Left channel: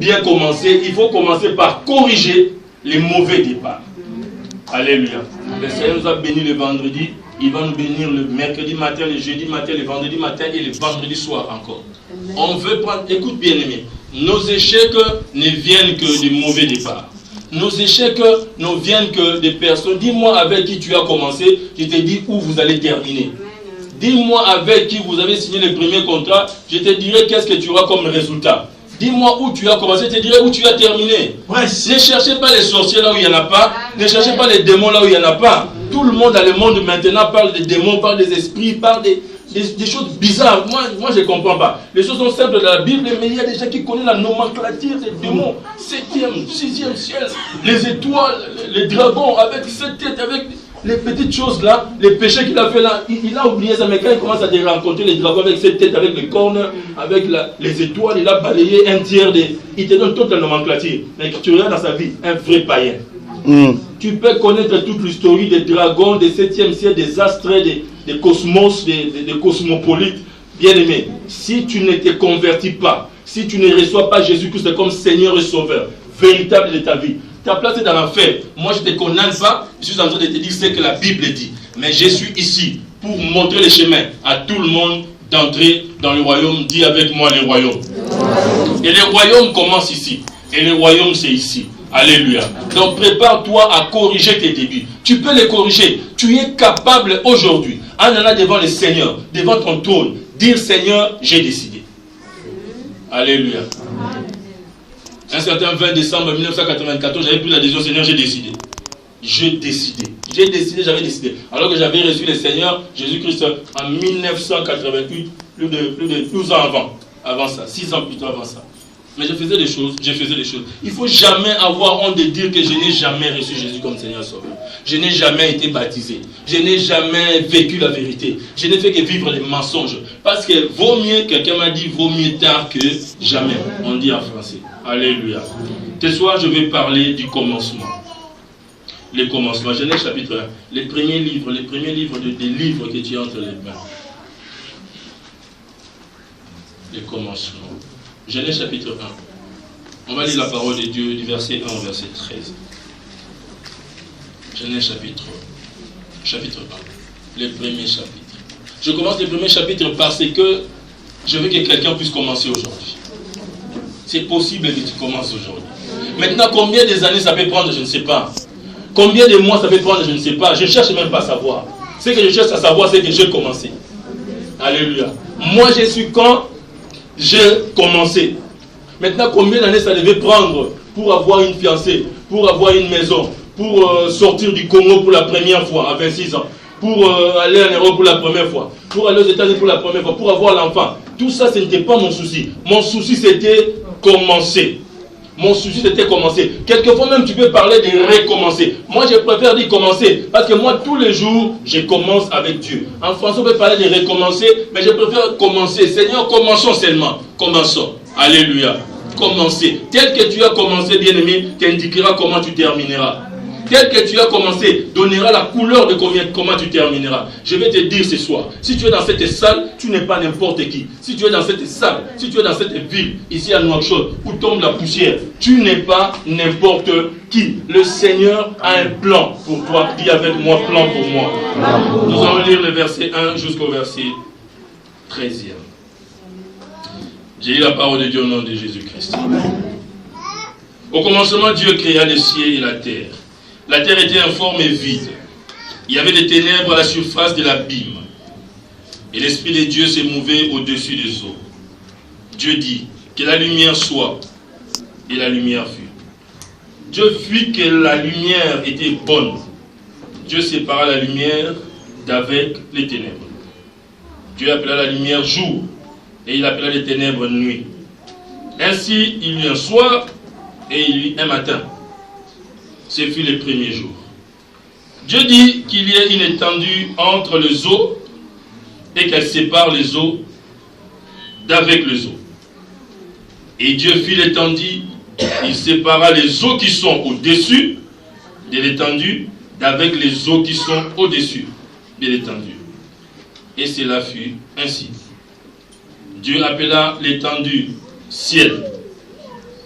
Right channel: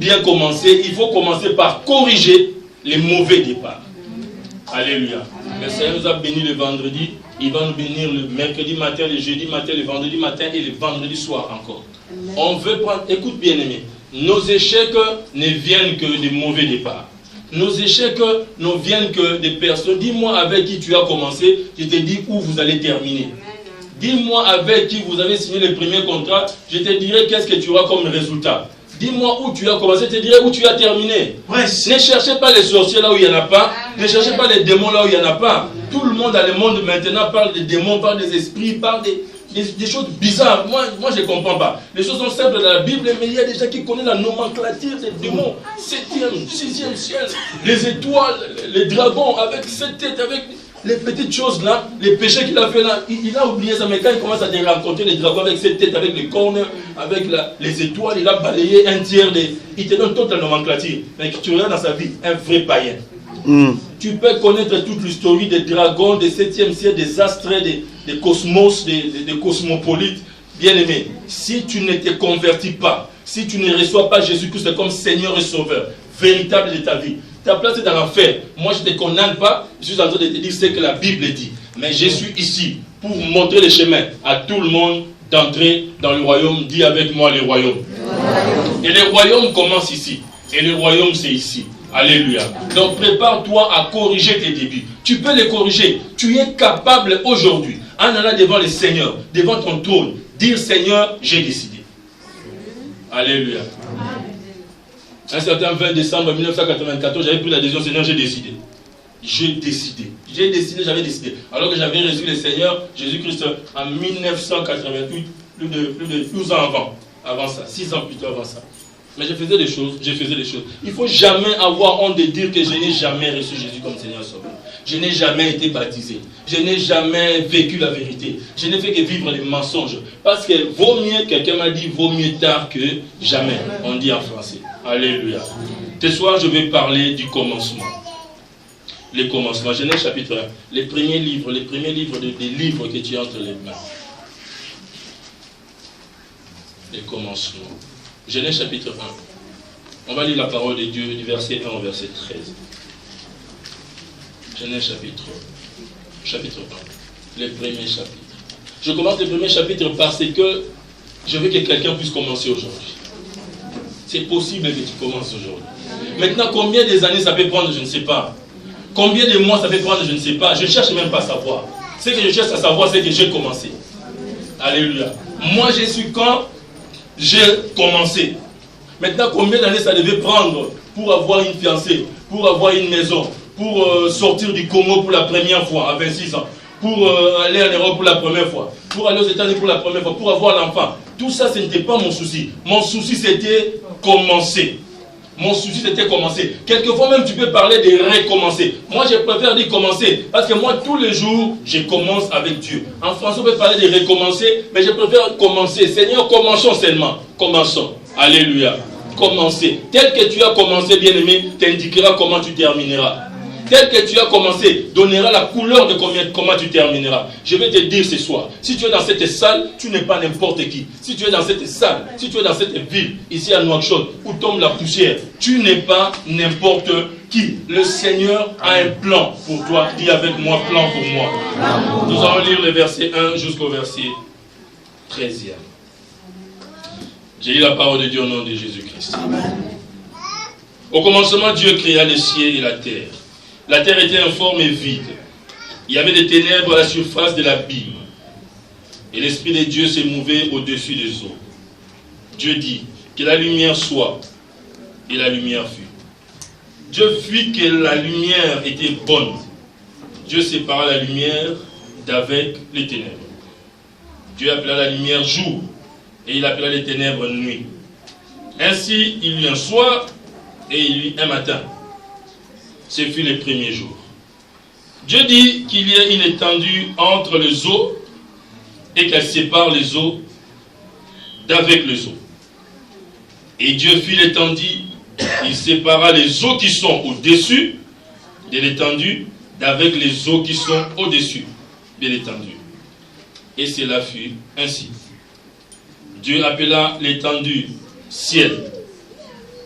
bien commencer, il faut commencer par corriger les mauvais départs. Alléluia. Le Seigneur nous a bénis le vendredi, il va nous bénir le mercredi matin, le jeudi matin, le vendredi matin et le vendredi soir encore. On veut prendre, écoute bien aimé, nos échecs ne viennent que des mauvais départs. Nos échecs ne viennent que des personnes. Dis-moi avec qui tu as commencé, je te dis où vous allez terminer. Dis-moi avec qui vous avez signé le premier contrat, je te dirai qu'est-ce que tu auras comme résultat. Dis-moi où tu as commencé, je te dirai où tu as terminé. Ouais. Ne cherchez pas les sorciers là où il n'y en a pas. Ne cherchez pas les démons là où il n'y en a pas. Tout le monde dans le monde maintenant parle des démons, parle des esprits, parle des choses bizarres. Moi je ne comprends pas. Les choses sont simples dans la Bible, mais il y a des gens qui connaissent la nomenclature des démons. 7e, 6e ciel, les étoiles, les dragons avec 7 têtes, avec les petites choses là, les péchés qu'il a fait là. Il a oublié ça, mais quand il commence à rencontrer les dragons avec 7 têtes, avec les cornes, avec les étoiles, il a balayé un tiers des. Il te donne toute la nomenclature. Mais tu regardes dans sa vie, un vrai païen. Tu peux connaître toute l'histoire des dragons, des 7e ciel, des astres, des cosmos, des cosmopolites. Bien aimé, si tu ne te convertis pas, si tu ne reçois pas Jésus-Christ comme Seigneur et Sauveur, véritable de ta vie, ta place est dans l'enfer. Moi je ne te condamne pas, je suis en train de te dire ce que la Bible dit. Mais je suis ici pour montrer le chemin à tout le monde d'entrer dans le royaume. Dis avec moi le royaume. Et le royaume commence ici. Et le royaume c'est ici. Alléluia. Donc prépare-toi à corriger tes débuts. Tu peux les corriger. Tu es capable aujourd'hui, en allant devant le Seigneur, devant ton trône, dire Seigneur, j'ai décidé. Alléluia. Un certain 20 décembre 1994, j'avais pris la décision, Seigneur, j'ai décidé. J'ai décidé. J'ai décidé, j'avais décidé. Alors que j'avais reçu le Seigneur, Jésus-Christ, en 1988, plus de 12 ans avant ça, 6 ans plus tôt avant ça. Mais je faisais des choses. Il ne faut jamais avoir honte de dire que je n'ai jamais reçu Jésus comme Seigneur Sauveur. Je n'ai jamais été baptisé. Je n'ai jamais vécu la vérité. Je n'ai fait que vivre les mensonges. Parce que vaut mieux, quelqu'un m'a dit, vaut mieux tard que jamais. On dit en français. Alléluia. Ce soir, je vais parler du commencement. Le commencement. Genèse chapitre 1. Les premiers livres des livres que tu as entre les mains. Le commencement. Genèse chapitre 1. On va lire la parole de Dieu du verset 1 au verset 13. Genèse chapitre 1. Le premier chapitre. Je commence le premier chapitre parce que je veux que quelqu'un puisse commencer aujourd'hui. C'est possible que tu commences aujourd'hui. Maintenant, combien des années ça peut prendre, je ne sais pas. Combien de mois ça peut prendre, je ne sais pas. Je ne cherche même pas à savoir. Ce que je cherche à savoir, c'est que j'ai commencé. Alléluia. Moi, je suis quand j'ai commencé. Maintenant, combien d'années ça devait prendre pour avoir une fiancée, pour avoir une maison, pour sortir du Congo pour la première fois à 26 ans, pour aller en Europe pour la première fois, pour aller aux États-Unis pour la première fois, pour avoir l'enfant. Tout ça, ce n'était pas mon souci. Mon souci, c'était commencer. Mon souci, c'était commencer. Quelquefois même, tu peux parler de recommencer. Moi, je préfère dire commencer. Parce que moi, tous les jours, je commence avec Dieu. En français, on peut parler de recommencer, mais je préfère commencer. Seigneur, commençons seulement. Commençons. Alléluia. Commencer. Tel que tu as commencé, bien-aimé, t'indiquera comment tu termineras. Tel que tu as commencé, donnera la couleur de comment tu termineras. Je vais te dire ce soir, si tu es dans cette salle, tu n'es pas n'importe qui. Si tu es dans cette salle, si tu es dans cette ville, ici à Nouakchott, où tombe la poussière, tu n'es pas n'importe qui. Le Seigneur a un plan pour toi. Dis avec moi, plan pour moi. Nous allons lire le verset 1 jusqu'au verset 13e. J'ai lu la parole de Dieu au nom de Jésus-Christ. Au commencement, Dieu créa les cieux et la terre. La terre était informe et vide. Il y avait des ténèbres à la surface de l'abîme. Et l'Esprit de Dieu se mouvait au-dessus des eaux. Dieu dit, que la lumière soit. Et la lumière fut. Dieu vit que la lumière était bonne. Dieu sépara la lumière d'avec les ténèbres. Dieu appela la lumière jour. Et il appela les ténèbres nuit. Ainsi, il y eut un soir et il y eut un matin. Ce fut le premier jour. Dieu dit qu'il y ait une étendue entre les eaux et qu'elle sépare les eaux d'avec les eaux. Et Dieu fit l'étendue, il sépara les eaux qui sont au-dessus de l'étendue d'avec les eaux qui sont au-dessus de l'étendue. Et cela fut ainsi. Dieu appela l'étendue ciel.